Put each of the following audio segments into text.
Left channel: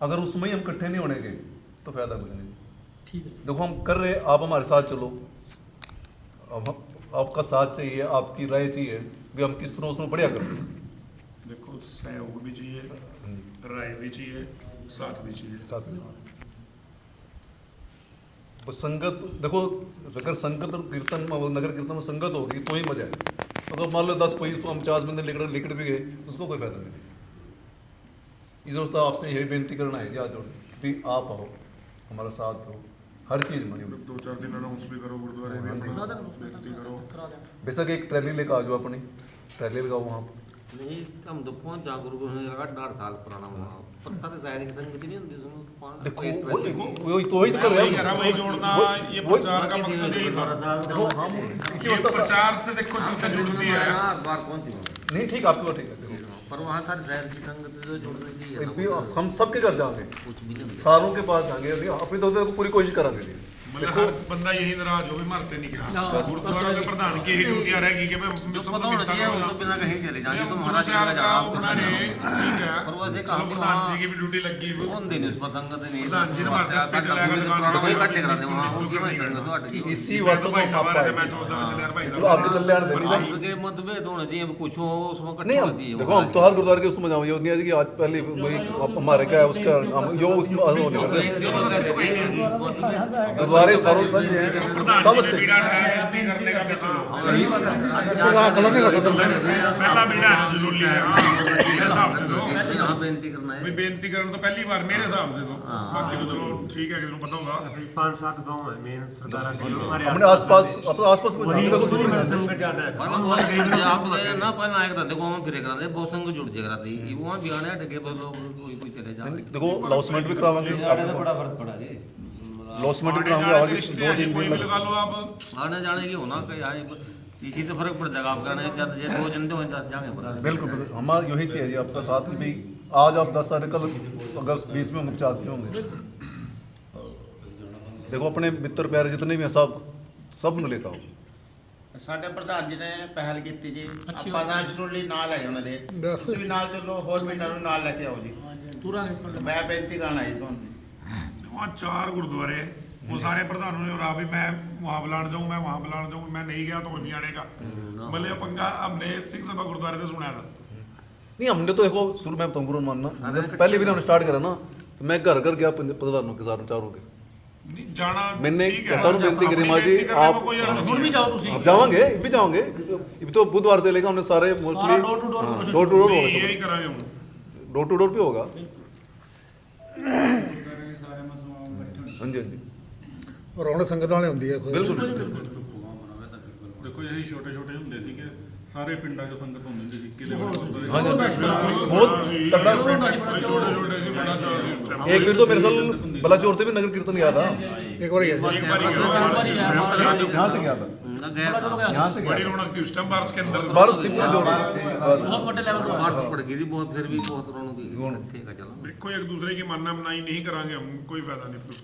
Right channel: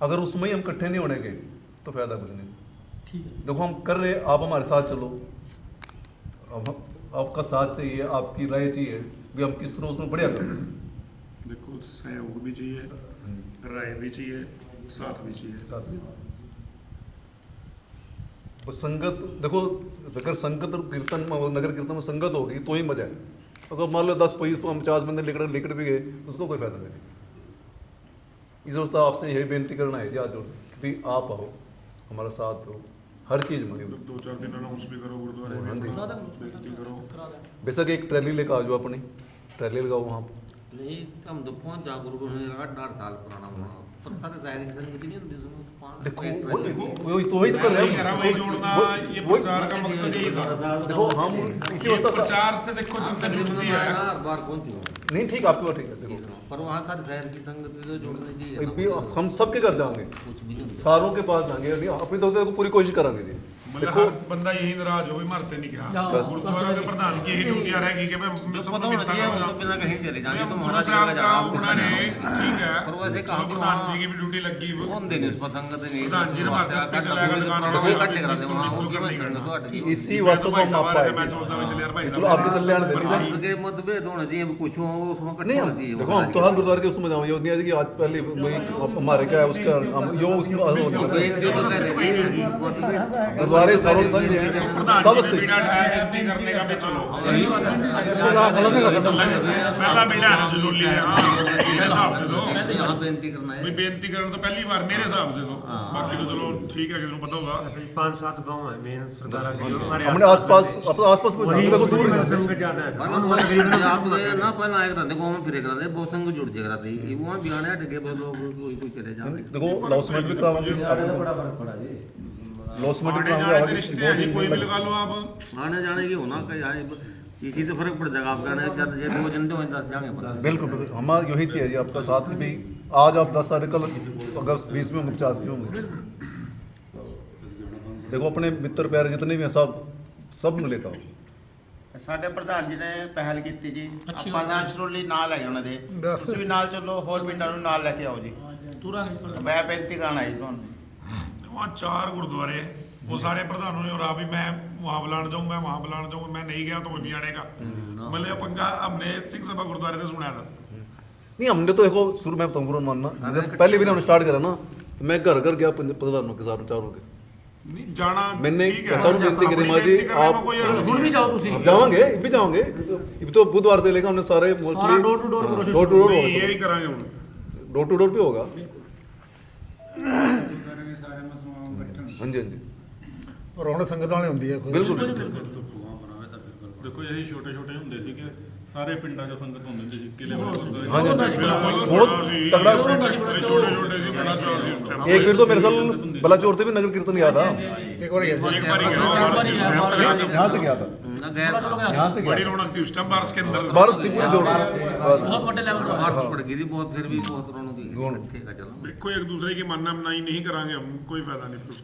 अगर उसमें ही हम इकट्ठे नहीं होने के तो फायदा कुछ नहीं। ठीक है। देखो हम कर रहे, आप हमारे साथ चलो, अब आपका साथ चाहिए, आपकी राय चाहिए भी हम किस तरह उसमें बढ़िया कर सकते। देखो सहयोग भी चाहिए, राय भी चाहिए, साथ भी चाहिए। बस संगत देखो, अगर संगत और कीर्तन नगर कीर्तन में संगत होगी तो ही मजा है। अगर मान लो 10 50 बंदे लिकड़ भी गए उसको कोई फायदा नहीं। इस दोस्तों आपसे यही बेनती करना है कि आज कि आप आओ, हमारा साथ दो, हर चीज़ में। 2-4 दिन अनाउंस भी करो गुरुद्वारे में, अपना बेनती करो। बेशक एक ट्रैली लेकर आ जाओ, अपनी ट्रैली लगाओ वहाँ पर। नहीं हम तो पहुंच जा गुरु 8 साल पुराना वहाँ पर सारे शहर की संगत नहीं होती उसमें देखो वही तो कर रहे हैं हम। देखो हम ये प्रचार से देखो जनता जुड़ती है। बार पहुंची नहीं, ठीक आपकी बात ठीक है। देखो पर वहाँ का शहर की संगत तो जोड़नी चाहिए एक ना, भी हम सबके घर जाएंगे, कुछ भी नहीं सारों के पास जाएंगे। अभी अपनी तो पूरी कोशिश करेंगे जी। मतलब हर बंदा यही नाराज हो भी मरते नहीं क्या गुरुद्वारा के प्रधान की यही ड्यूटियां रहेगी कि मैं सब मिलता करूंगा बिना कहीं चले जाए तो गुरु साहब का उन्होंने ठीक है पर वैसे कहाँ पर प्रधान जी की भी ड्यूटी लगी हुई कौन दिन इस पर संगत नहीं प्रधान जी ने हमारे स्पेशल आएगा दुकान वाला नहीं करना इसी वास्ते भाई तो हम साहब आ रहे थे, मैं आपको चौदह में चले यार भाई चलो आपको कल्याण दे दी। उसके मतभेद होना चाहिए कुछ हो उसमें नहीं हम देखो, हम तो हर गुरुद्वारे के उसमें जाओ, ये नहीं है कि आज पहले वही हमारे क्या है उसका हम यो उसमें होने कर रहे हैं। गुरुद्वारे सारों सब करने का भी चलो पहला बेड़ा है ना जरूर लिया हाँ मेरे हिसाब से तो बेनती करना है भाई बेनती करना तो पहली बार मेरे हिसाब से तो बाकी तो चलो ठीक है किसी को पता होगा 5-7 गांव है मेन सरदारा के जो हमारे हमने आसपास अपने आसपास में वही देखो वही मेरा संगत ज्यादा है। पहले बहुत भीड़ आप ना पहले आए रहते गांव में फिरे करते बहुत संग जुड़ जाए रहती ये वहां बियाने हट के लोग कोई कोई चले जाते देखो लॉसमेंट भी करावांगे, बड़ा फर्क पड़ा जी। लॉसमेंट भी करावांगे आगे 2 दिन कोई में भी लगा लो आप आने जाने की होना कहीं आए किसी तो फर्क पड़ जाएगा आप जाने जब ये 2 दिन तो 10 जाने पड़ता बिल्कुल बिल्कुल हमारा यही चाहिए जी आपका साथ में भी। आज आप 10 साल कल अगस्त 20 में होंगे 50 में होंगे। देखो अपने मित्र प्यारे जितने भी हैं सब ਨੂੰ लेकर आओ। ਸਾਡੇ ਪ੍ਰਧਾਨ ਜੀ ਨੇ ਪਹਿਲ ਕੀਤੀ ਜੀ, ਆਪਾਂ ਜਨਰਲ ਲਈ ਨਾਲ ਲੈ ਜਾਣਾ ਦੇ, ਤੁਸੀਂ ਵੀ ਨਾਲ ਚੱਲੋ, ਹੋਰ ਪਿੰਡਾਂ ਨੂੰ ਨਾਲ ਲੈ ਕੇ ਆਓ ਜੀ। ਮੈਂ ਬੇਨਤੀ ਕਰਨ ਆਈ ਤੁਹਾਨੂੰ। वहाँ 4 गुरुद्वारे वो सारे प्रधानों ने रहा भी मैं वहाँ बुलाने जाऊँ, मैं वहाँ बुलाने जाऊँ, मैं नहीं गया तो वो नहीं आने का। मतलब पंगा हमने सिंह सभा गुरुद्वारे से सुना था। नहीं हमने तो देखो शुरू में तुमको मानना पहले भी हमने स्टार्ट करा ना, मैं घर घर गया प्रधानों के साथ चारों के नहीं जाना मैंने ठीक है। सारों बेनती करी माँ जी आप ਹੁਣ ਵੀ ਜਾਓ ਤੁਸੀਂ। आप जाओगे भी जाओगे ये तो बुधवार से लेकर हमने सारे मोस्टली डोर टू डोर ये भी करांगे हम। डोर भी होगा। हाँ जी हाँ जी ਰੌਣਕ ਸੰਗਤ ਵਾਲੇ ਹੁੰਦੀ ਹੈ बिल्कुल ਦੇਖੋ ਇਹ ਛੋਟੇ ਛੋਟੇ ਹੁੰਦੇ ਸੀ ਕਿ ਸਾਰੇ ਪਿੰਡਾਂ 'ਚੋਂ ਸੰਗਤ ਹੁੰਦੀ ਹੁੰਦੀ ਸੀ ਕਿਲੇ ਵਾਲੇ ਗੁਰਦੁਆਰੇ छोटे छोटे सी बड़ा चौर सी उस टाइम एक बार तो मेरे ख्याल बलाचौर से भी नगर कीर्तन याद आ ਇੱਕ ਵਾਰੀ ਹੈ एक बार ही गया हूँ, बारिश के उस टाइम यहाँ से गया था यहाँ से बड़ी गया रौनक थी उस टाइम बारिश के अंदर। बारिश थी पूरी जोड़ ਬਹੁਤ ਵੱਡੇ ਲੈਵਲ ਤੋਂ बारिश पड़ गई थी बहुत फिर भी बहुत रौनक थी ठीक है चलो देखो एक दूसरे की मानना मनाई नहीं करांगे हम, कोई फायदा नहीं कुछ।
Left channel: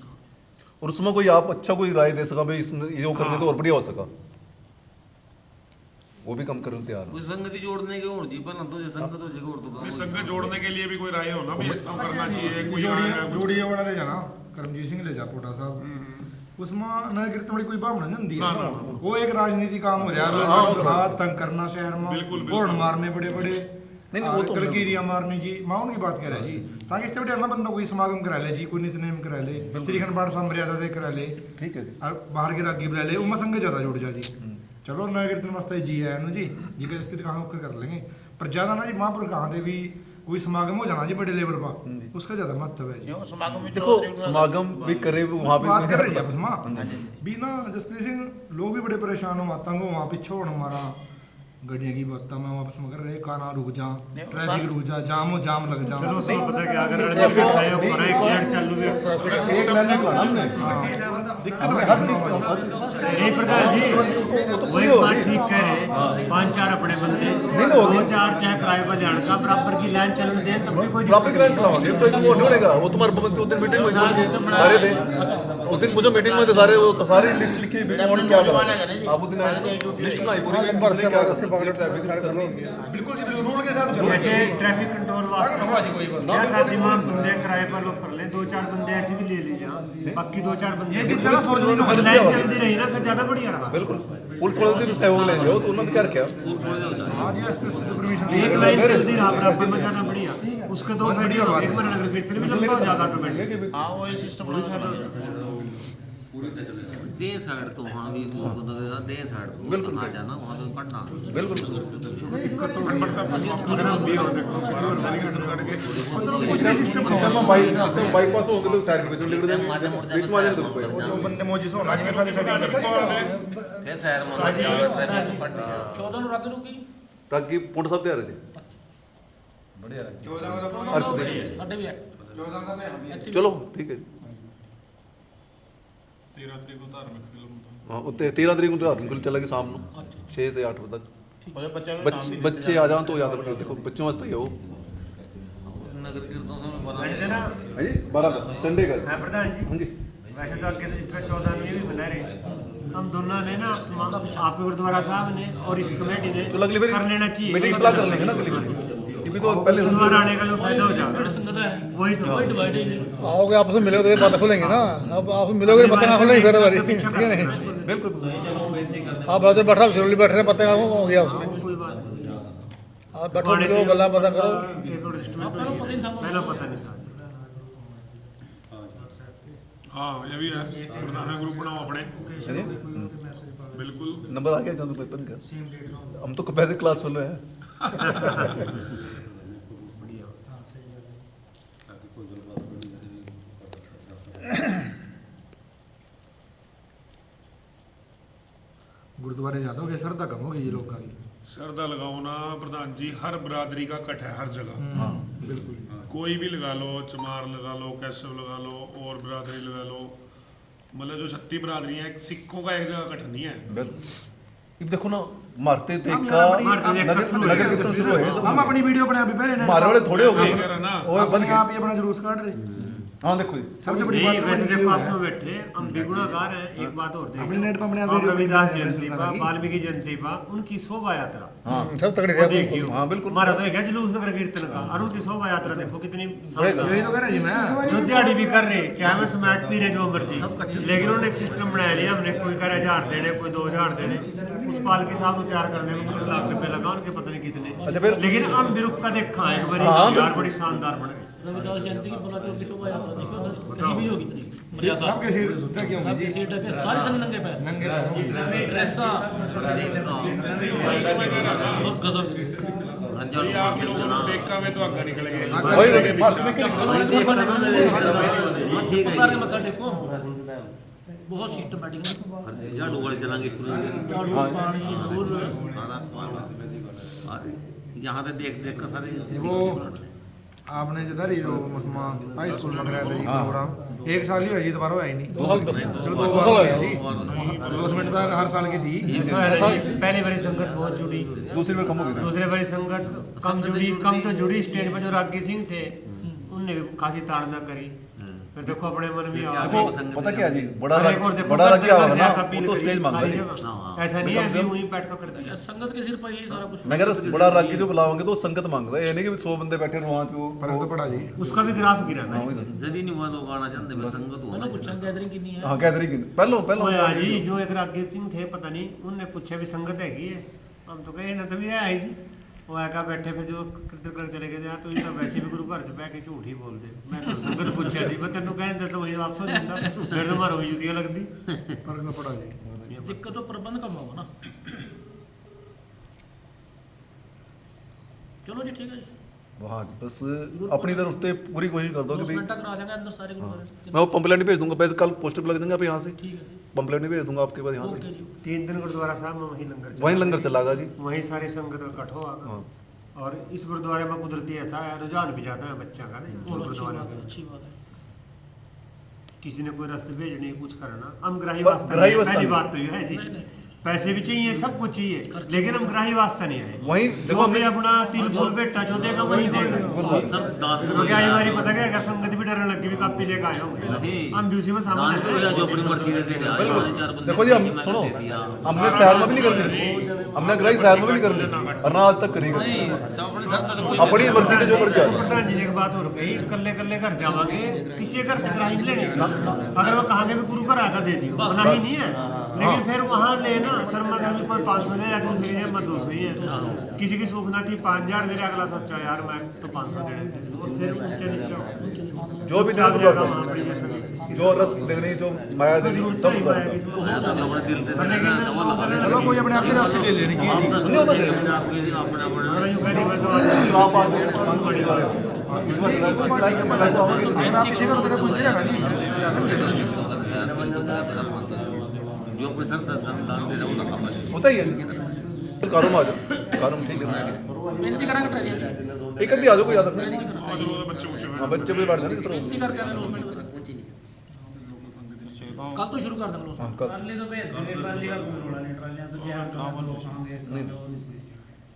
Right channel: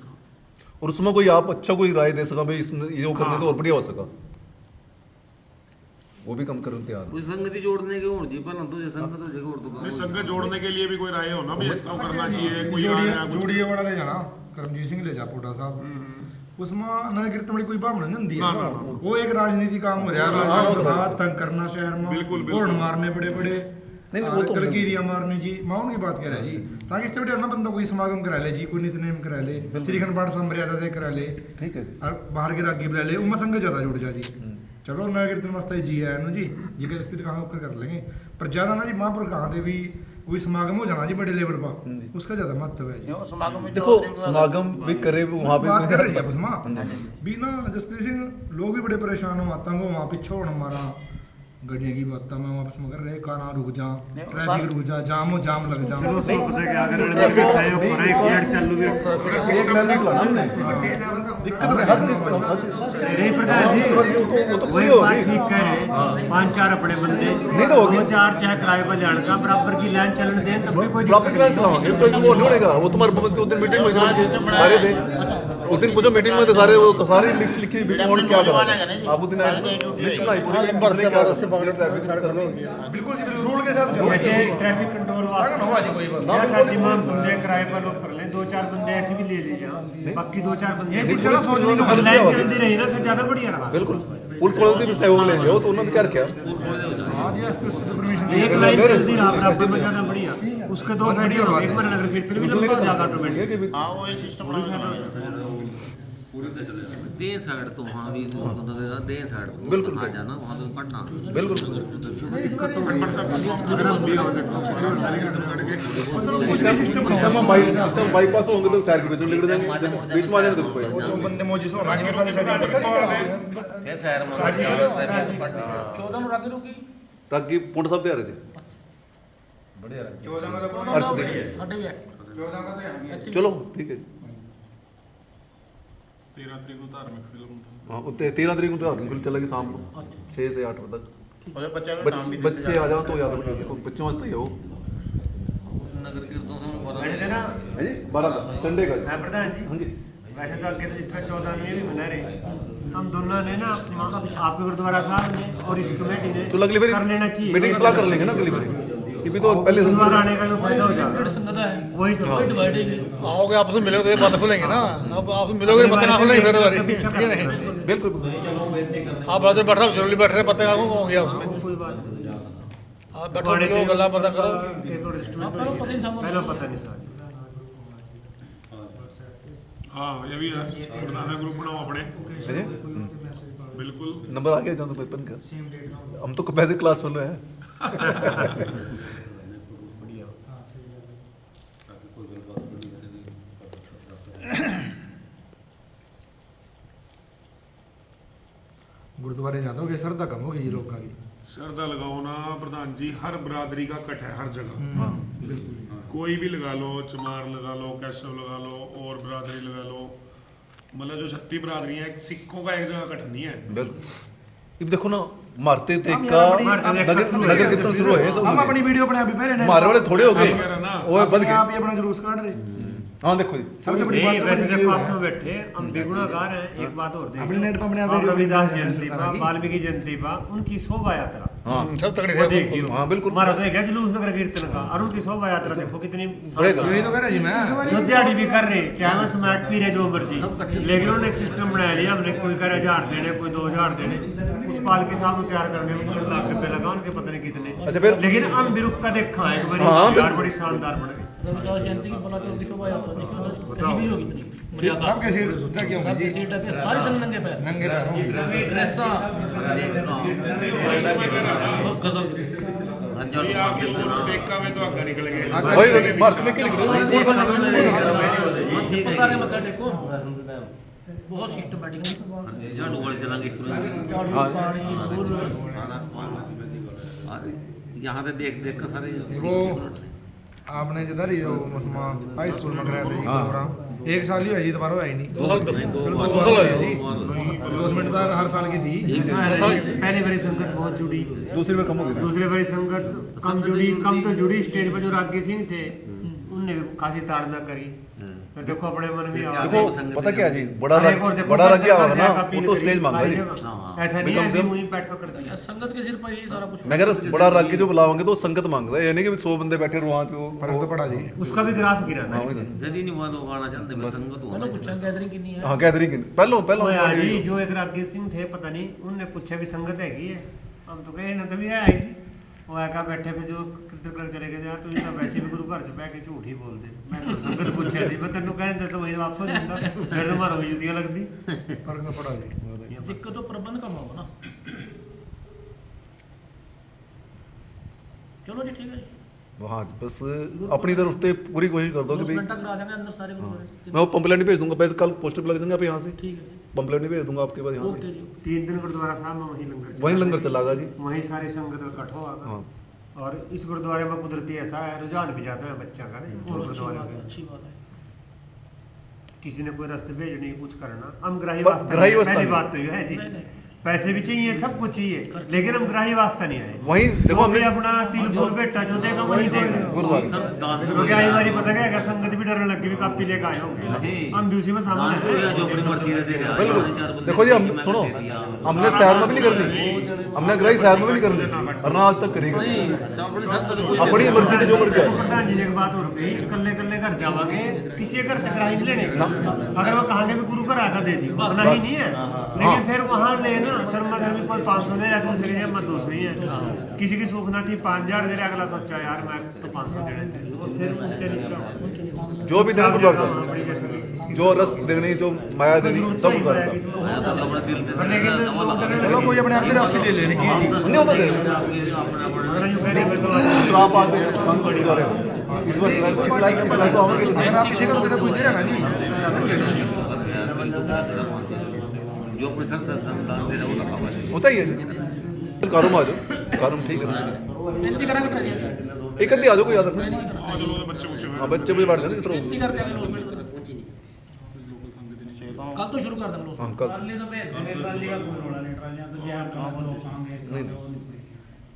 और उसमें कोई आप अच्छा कोई राय दे सका भाई इसमें ये करने तो और बढ़िया हो सका, वो भी कम करने तैयार है। कोई संगति जोड़ने की और जी पहले तो ये संगत हो जगह और नहीं, तो संगत जोड़ने के लिए भी कोई राय हो ना भी इस तरह करना चाहिए कोई आ रहा है, ਜੋੜੀਏ ਵਾਲਾ ਲੈ ਜਾਣਾ ਕਰਮਜੀਤ ਸਿੰਘ ਲੈ ਜਾ ਪੋਟਾ ਸਾਹਿਬ उसमें नगर कीर्तन वाली कोई भावना नहीं होती है। वो एक राजनीति काम हो रहा है, लोगों को हाथ तंग करना शहर में, होर्न मारने बड़े बड़े नहीं वो तो कलकीरियां मारनी जी। मैं उनकी बात कर रहा जी ताकि इससे बड़े ना बंदा कोई समागम करा ले जी, कोई नितनेम करा ले, श्री अखंड पाठ साहब मर्यादा दे करा ले ठीक है और बाहर के रागी बुला ले, उनमें संगत ज्यादा जुड़ जा जी। चलो नगर कीर्तन वास्ते जी है ना जी जी के स्थित कहाँ कर लेंगे, पर ज्यादा ना जी महापुर कहाँ दे भी कोई समागम हो जाना जी बड़े लेवल पर, उसका ज्यादा महत्व है जी। ਸਮਾਗਮ ਵਿੱਚ देखो समागम भी करे वहाँ पे बात कर रहे हैं बस माँ भी ना जसप्रीत सिंह लोग भी बड़े परेशान हो, माता को वहाँ पीछे होना हमारा गड्डियाँ की बात मैं वापस मगर रहे काना रुक जा, ट्रैफिक रुक जा, जाम हो जाम लग जा। दिक्कत नहीं प्रधान जी वही बात ठीक कह रहे 5-4 अपने बंदे 2-4 चाहे किराए पर जाने का बराबर की लाइन चलने दें तब भी कोई दिक्कत नहीं। वो तुम्हारे उस दिन मीटिंग हुई थी सारे थे उस दिन मुझे मीटिंग में सारे वो सारी लिस्ट लिखी हुई कौन क्या कर रहा है। आप उस दिन लिस्ट बनाई पूरी नंबर से ट्रैफिक बिल्कुल रूल के साथ जैसे ट्रैफिक कंट्रोल ऐसा दिमाग बंदे किराए पर लोग कर ले, 2-4 बंदे ऐसे भी ले लीजिए। बाकी 2-4 बंदे लाइन चलती रही ना, फिर ज्यादा बढ़िया रहा। बिल्कुल पुलिस वालों की सहयोग ले जाओ तो उन्होंने क्या रखा एक लाइन चलती रहा बराबर में, ज्यादा बढ़िया। उसके 2 फायदे हो गए, एक मेरा नगर कीर्तन भी लंबा हो जाएगा ऑटोमेटिक, हाँ वही सिस्टम वो भी फायदा हो जाएगा। दे साइड तो वहाँ भी दे साइड तो कहाँ जाना वहाँ तो कटना बिल्कुल दिक्कत तो हो रही है। अगर हम भी होते तो कुछ होता नहीं करना। बाईपास हो गए तो साइड पे जो लीड बीच में आ जाए तो कोई बंदे मौजी से ਰਾਗੀ ਨੂੰ ਕੀ ਪਤਾ ਨਹੀਂ ਕੌਣ ਨੇ ये शहर में 14 ਨੂੰ ਰਾਗੀ ਰੁਕੀ रागी पुंड साहब तैयार थे अर्श देखिए ਸਾਡੇ ਵੀ ਹੈ चलो ठीक है 13 ਤਰੀਕ ਨੂੰ ਧਾਰਮਿਕ ਫਿਲਮ हाँ उत्ते 13 तरीक को धार्मिक फिल्म चलेगी शाम को 6 से 8 तक ਉਹਦੇ ਬੱਚਿਆਂ ਦਾ ਨਾਮ ਵੀ ਦਿੱਤੇ बच्चे आ जाओ तो याद रखना देखो बच्चों वास्ते ही हो नगर कीर्तन से बता वैसे ना है जी 12 का संडे का मैं प्रधान जी, हाँ जी वैसे तो आपके रजिस्टर 14 ये भी बुला रहे, हम दोनों ने ना आपके गुरुद्वारा साहब ने और इस कमेटी ने तो अगली बार कर लेना चाहिए। मीटिंग सलाह कर लेंगे ना अगली बार ये भी तो पहले इस बार आने का जो फायदा हो जाएगा ਸੰਗਤ ਹੈ वही तो वही डिवाइड है आओगे आपस में मिलोगे तो बात खुलेंगे ना, अब आप मिलोगे तो पता ना खुलेगी फिर पीछा ठीक है नहीं बिल्कुल आप वैसे बैठ रहे हो बैठ रहे पता हो गया उसमें कोई बात नहीं। आप बैठो मिलो गल्ला पता करो एक और estimate आपको पता ही नहीं था वो। पहला पता नहीं था। ਹਾਂ ਇਹ ਵੀ ਹੈ ਪੁਰਾਣਾ ਗਰੁੱਪ ਬਣਾਓ ਆਪਣੇ ਬਿਲकुल नंबर आ गया तो पेपर का हम तो कैसे क्लास में है गुरुद्वारे जाओगे श्रद्धा कम होगी ये लोगों की। श्रद्धा लगाओ ना प्रधान जी, हर बरादरी का कट है हर जगह बिल्कुल कोई भी लगा लो, चमार लगा लो, कैशव लगा लो और बरादरी लगा लो, मतलब जो 36 बरादरियां हैं, सिखों का एक जगह कट नहीं है। ये देखो ना मारते थे का नगर कीर्तन शुरू है हम अपनी वीडियो बना भी पहले मारने वाले थोड़े हो गए कह रहा ना ओए बंद आप के ही अपना जुलूस काट रहे। हाँ देखो जी सबसे बड़ी नहीं, बात वैसे तो देखो ये आप है। सब बैठे हम बेगुनाहगार हैं। एक बात और अपने नेट पे अपने देखिए, आप रविदास वीडियो जयंती बना पा, दी। वाल्मीकि जयंती पा, उनकी शोभा यात्रा हाँ सब तगड़ी वो देखियो। हाँ, बिल्कुल। हमारा तो एक है जुलूस नगर कीर्तन का, और उनकी शोभा यात्रा देखो कितनी शानदार। यही तो कह रहा जी मैं। जो दिहाड़ी भी कर रहे, चाहे वो समाज पी रहे जो मर्जी, लेकिन उन्होंने एक सिस्टम बनाया लिया हमने, कोई कह रहा 1000 देने, कोई 2000 देने। उस पालकी साहब को तैयार करने में कितने लाख रुपए लगा, उनके पता नहीं कितने। अच्छा, फिर- लेकिन हम बिरुक का देखा एक बार हाँ, यार बड़ी शानदार बन गई। रविदास जयंती की बना चौक की शोभा यात्रा देखियो उधर कहीं भी नहीं होगी इतनी मर्यादा सबके सिर उठा के सब सीट के सारे जन नंगे पैर नंगे पैर। ड्रेसा बहुत गजब ये आप जो देखा में तो आगे निकल गए वही मार्च में क्या पता नहीं मत देखो बहुत सिस्टमैटिक झाड़ू वाली चलांगे इस तरह झाड़ू पानी फूल यहाँ से देख देख कर सारे वो आपने जिधर ही वो उसमें हाई स्कूल में कराया था जी प्रोग्राम, एक साल ही हुआ जी, दोबारा हुआ ही नहीं। चलो 2 बार हुआ जी, अनाउंसमेंट तो हर साल की थी। पहली बारी संगत बहुत जुड़ी, दूसरी में कम हो गई दूसरे बारी संगत कम जुड़ी, कम तो जुड़ी। स्टेज पर जो रागी सिंह थे उनने खासी ताड़ना करी। फिर देखो अपने मन में आ देखो पता क्या है जी बड़ा और एक और देखो बड़ा घर क्या घर हो जाकर ना अपील वो तो करी स्टेज मांग सारी रही जगह। ऐसा नहीं है अभी वहीं बैठ कर दिया। संगत के सिर पर यही सारा कुछ मैं कह रहा बड़ा रागी जो बुलाओगे तो संगत मांगता है, ये नहीं कि 100 बंदे बैठे रहो वहाँ फर्क तो पड़ा जी। उसका भी ग्राफ गिरा था। यदि नहीं हुआ लोग आना चाहते मैं संगत मैंने हुआ पूछा गैदरिंग कितनी है हाँ गैदरिंग पहलो वो यार जी जो एक रागी सिंह थे पता नहीं, उनने पूछा भी संगत हैगी है, हम तो कहे ना तभी आई थी। वो आका बैठे फिर जो कीर्तन कर चले गए यार, तो ये तो वैसे भी गुरु घर च बह के झूठ ही बोलते। मैं तो संगत पूछा सी, मैं तेनों कहते तो वही वापस हो जाता, फिर तो मारो जुतियां लगदी। फर्क तो पड़ा जी। दिक्कत तो प्रबंध करना होगा ना। चलो जी ठीक है जी हाँ बस अपनी तरफ से पूरी कोशिश कर दो कि 2 भाई घंटा करा देंगे अंदर सारे मैं वो पंपलेट भेज दूंगा, वैसे कल पोस्टर लग देंगे आप यहाँ से ठीक है पंपलेट भेज दूंगा आपके पास यहाँ ओके से जी 3 दिन गुरुद्वारा साहब में वहीं लंगर चला। वहीं लंगर चलागा जी। वहीं सारी संगत इकट्ठा होगा। और इस गुरुद्वारे में कुदरती ऐसा है रुझान भी जाता है बच्चा का नहीं, और गुरुद्वारे में अच्छी बात है किसी ने कोई रास्ते भेजने कुछ करना, हम ग्राही ग्राही वास्ते वास्ता पहली नहीं। बात तो ये है जी। नहीं नहीं पैसे भी चाहिए, सब कुछ चाहिए, लेकिन हम ग्राही वास्ता नहीं आए। वहीं जो देखो भी हमने अपना तिल फूल बेटा जो देगा वही देगा। क्योंकि आई बारी पता क्या है, संगत भी डरने लगी भी कापी लेकर आए होंगे, हम भी उसी में शामिल हैं। जो अपनी मर्जी से दे रहा है। देखो जी, हम सुनो, हमने शहर में भी नहीं करनी, हमने ग्राही शहर में भी नहीं करनी, और ना आज तक करी अपनी मर्जी से जो मर्जी आ जाए। प्रधान जी ने एक बात और कही, कल्ले कल्ले घर जावांगे, किसी घर तक ग्राही नहीं लेने का। अगर वो कहांगे भी गुरु घर आकर दे दियो, मना ही नहीं है, लेकिन फिर वहाँ लेना शर्मा घर में कोई 500 दे रहा, दूसरे के मत 200 ही है। किसी की सूख ना थी 5000 दे रहा, अगला सोचा यार मैं तो 500 देने थे, और फिर ऊंचे नीचे जो भी देना कर सकते, जो रस देनी, जो माया देनी, सब कर सकते। कोई अपने आप के रस के लिए लेनी चाहिए जी। नहीं होता है। अगर यूं कह दिया तो आप आते हैं, बहुत बड़ी बात है। इस लाइन में आप किसी को कोई दे रहा ना जी। जो अपने सर दान दे रहा है वो लगा बस। होता ही है। कारों आ जाओ, कारों ठीक है। ਬੇਨਤੀ ਕਰਾਂਗੇ ਟਰਾਲੀਆਂ ਦੀ एक अद्धी आ जाओ, कोई आ सकता ਬੇਨਤੀ ਕਰਾਂ ਜਦੋਂ ਬੱਚੇ ਉੱਚੇ ਹੋਏ है। बच्चे भी बैठ जाने इतना। ਬੇਨਤੀ ਕਰਕੇ ਆਗੇ ਲੋਸਮੈਂਟ ਕੱਲ ਤੋਂ ਸ਼ੁਰੂ ਕਰ ਦਾਂਗੇ ਲੋਸਮੈਂਟ हाँ, कल ट्राली तो भेज देंगे, ट्राली का कोई रोड़ा नहीं, ट्रालियां तो जहाँ कहाँ लोग खाएंगे।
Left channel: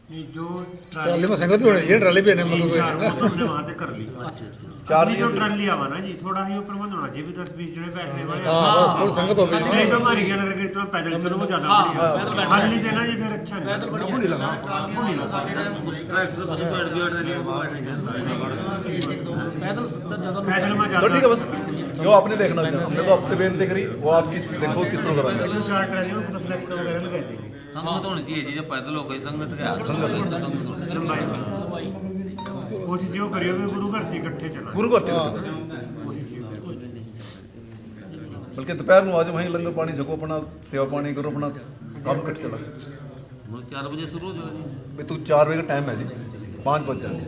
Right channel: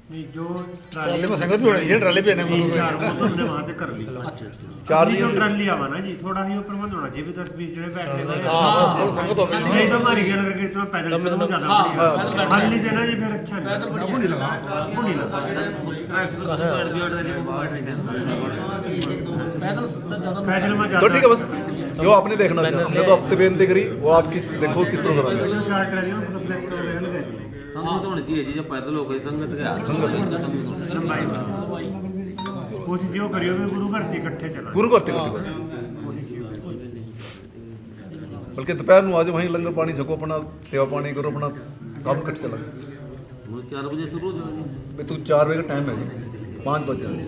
नहीं, जो ट्राली में संगत भी होनी चाहिए, ट्राली पे आने में। 3-4 वो तो हमने वहाँ तक कर ली। चार अपनी जो ट्राली आवा ना जी, थोड़ा ही ऊपर बंद होना चाहिए, भी 10-20 जने बैठने वाले हैं। हाँ, संगत हो गई। नहीं तो हमारी क्या लग रहा है, इतना पैदल चलो वो ज्यादा बढ़िया। खाली देना जी फिर अच्छा नहीं। ਪੈਦਲ ਬੜੀਆ वो नहीं लगा। ਪੈਦਲ ਤਾਂ ਜ਼ਿਆਦਾ पैदल में तो ज्यादा। ठीक है, बस जो आपने देखना था, हमने तो हफ्ते बेनती करी, वो आपकी देखो किस तरह कराएंगे। जो 4 ट्रालियों में तो फ्लेक्स वगैरह लगा दी। संगत होनी चाहिए जी, जो पैदल हो गई संगत का संगत होनी लंबाई में कोशिश यो करियो भी गुरु घर से इकट्ठे चला। गुरु करते हैं। कोशिश यो करियो। बल्कि दोपहर में आज वहीं लंगर पानी छको, अपना सेवा पानी करो, अपना सब कट चला। 4 बजे शुरू हो जाएगा। भाई तू 4 बजे का टाइम है जी, 5 बज जाए,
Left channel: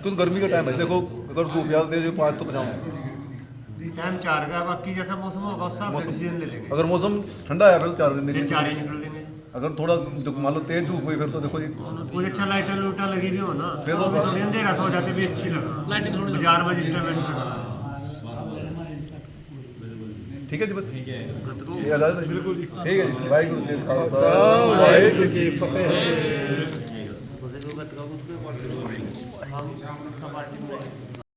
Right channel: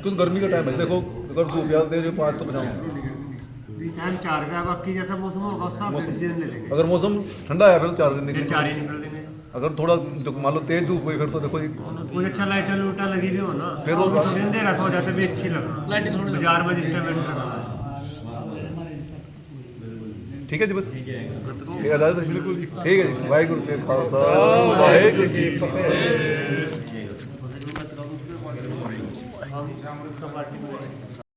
क्योंकि गर्मी का टाइम है। देखो अगर धूप ज़्यादा दे जो 5 तो बचाऊँ। टाइम 4 का, बाकी जैसा मौसम होगा उस हिसाब से डिसीजन ले लेंगे। अगर मौसम ठंडा है फिर 4 बजे फिर निकल। 4 ही निकल देंगे। अगर थोड़ा मान लो तेज धूप हुई फिर तो देखो जी, कोई अच्छा लाइटा लूटा लगी भी हो ना, फिर तो भी थोड़ी अंधेरा सो जाते भी अच्छी लगा। ਲਾਈਟਿੰग ਥੋੜੀ बाजार में जिस टाइम एंटर करना। ठीक है जी, बस ये इजाजत है। ठीक है जी, वाहिगुरू जी का खालसा, वाहिगुरू जी की फतेह।